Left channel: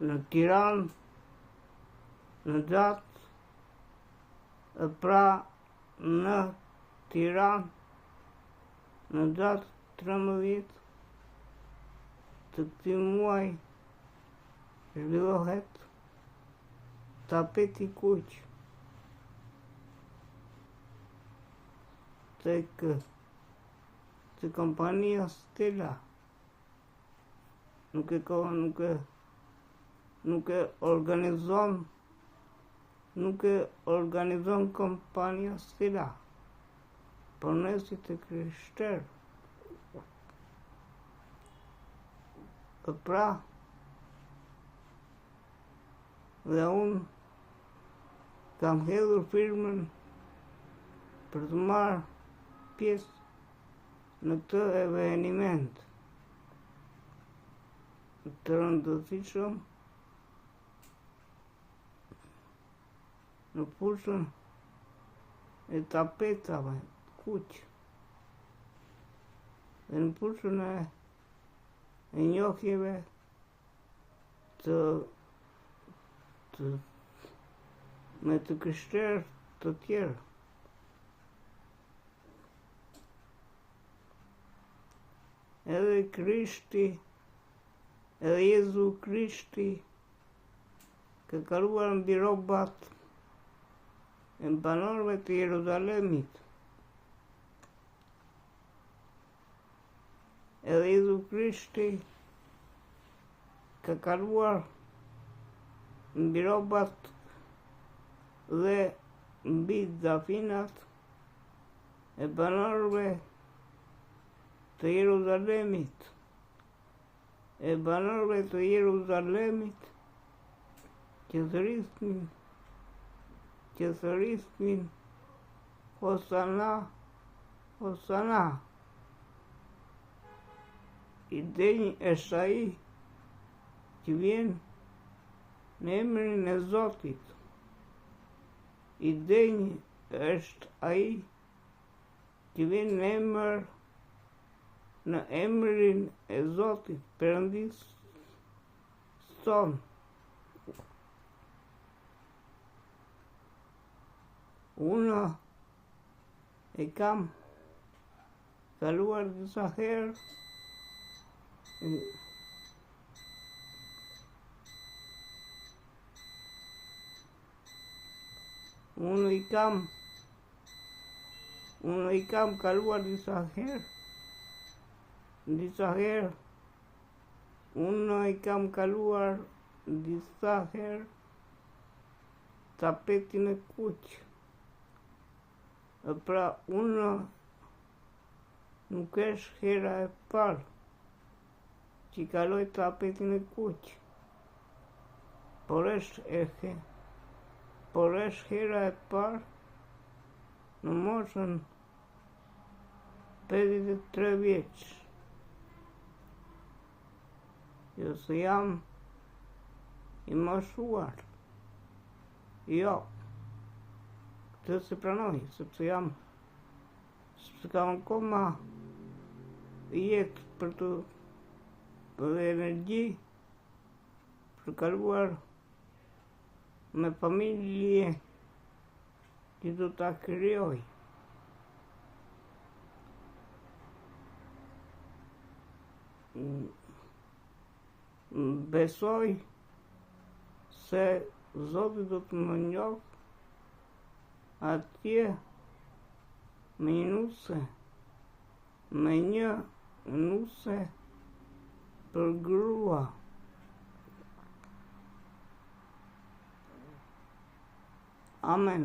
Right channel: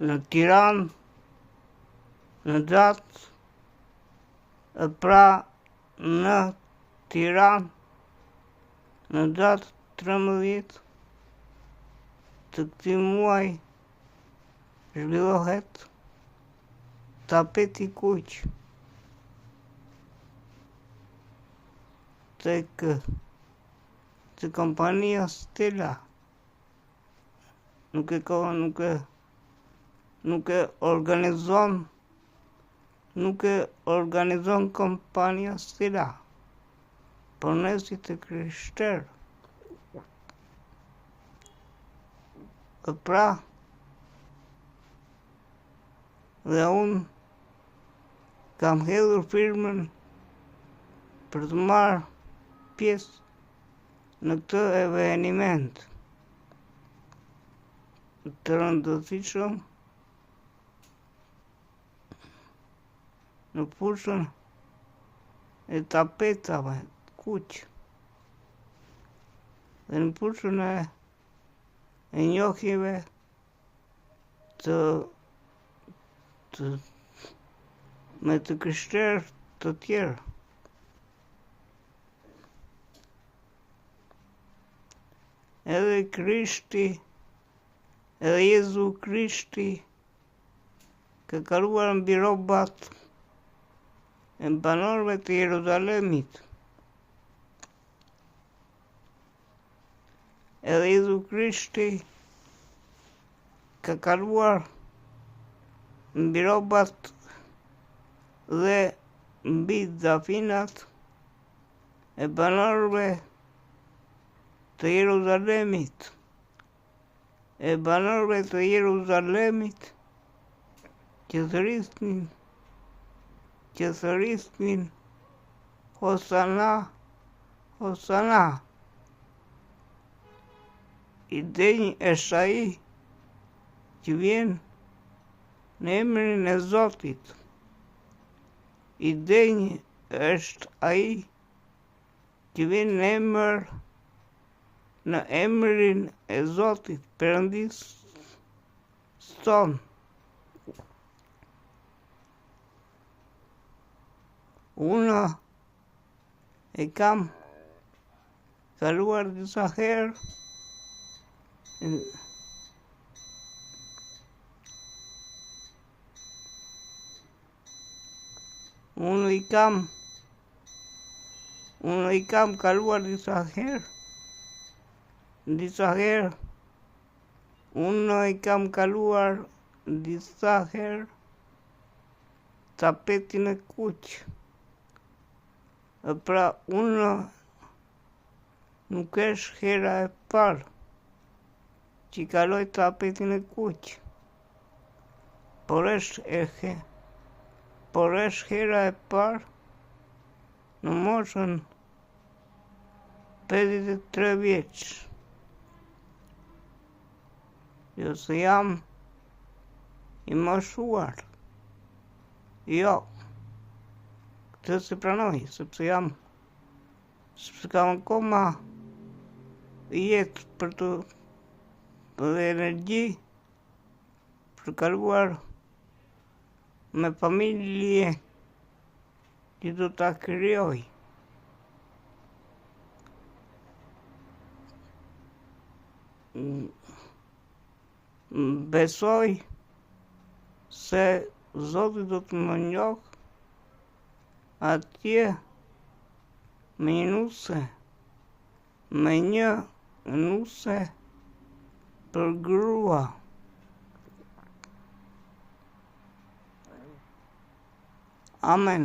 në Tiranë, në datë, pra në Tiranë, në datë 13 të këtij muaji zhvillohet tapeti kuq tek kompania Stella. Nuk e organizon kompania Stella, por ne si të krishterë. Pra, dhe unë kam hedhur firmën për të marrë pjesë në këtë eveniment të rëndësishëm në fushën e tapetave kuq dhe në fushën e njohjeve me të krishterë të tjerë. Edhe Jezu Krishti ka kaluar mbi rrobat e banorëve të Jeruzalemit. Edhe Jezu Krishti ka kaluar mbi rrobat dhe mbi dafinat e banorëve të Jeruzalemit. E banorëve të Jeruzalemit që thërisnin Hosana, Hosana. I denj është ai që vjen në emrin e Zotit. I denj është ai që vjen në emrin e Zotit, Perëndis ton. Unë e kam kaluar disa herë Unë i kam kaluar disa herë. Unë i kam kaluar disa herë tapetin e kuq. Pra unë nuk është hera e parë që kaloj tapetin e kuq, por është hera e parë në moshën 53 vjeç. Jo se jam i moshuar. Jo, këtë se pranoj, sepse kam akoma jetë për energji për kaluar me familje që do ta krijoj. Besoj se Zoti do të më njohë atje me një nuse për grua. Amen.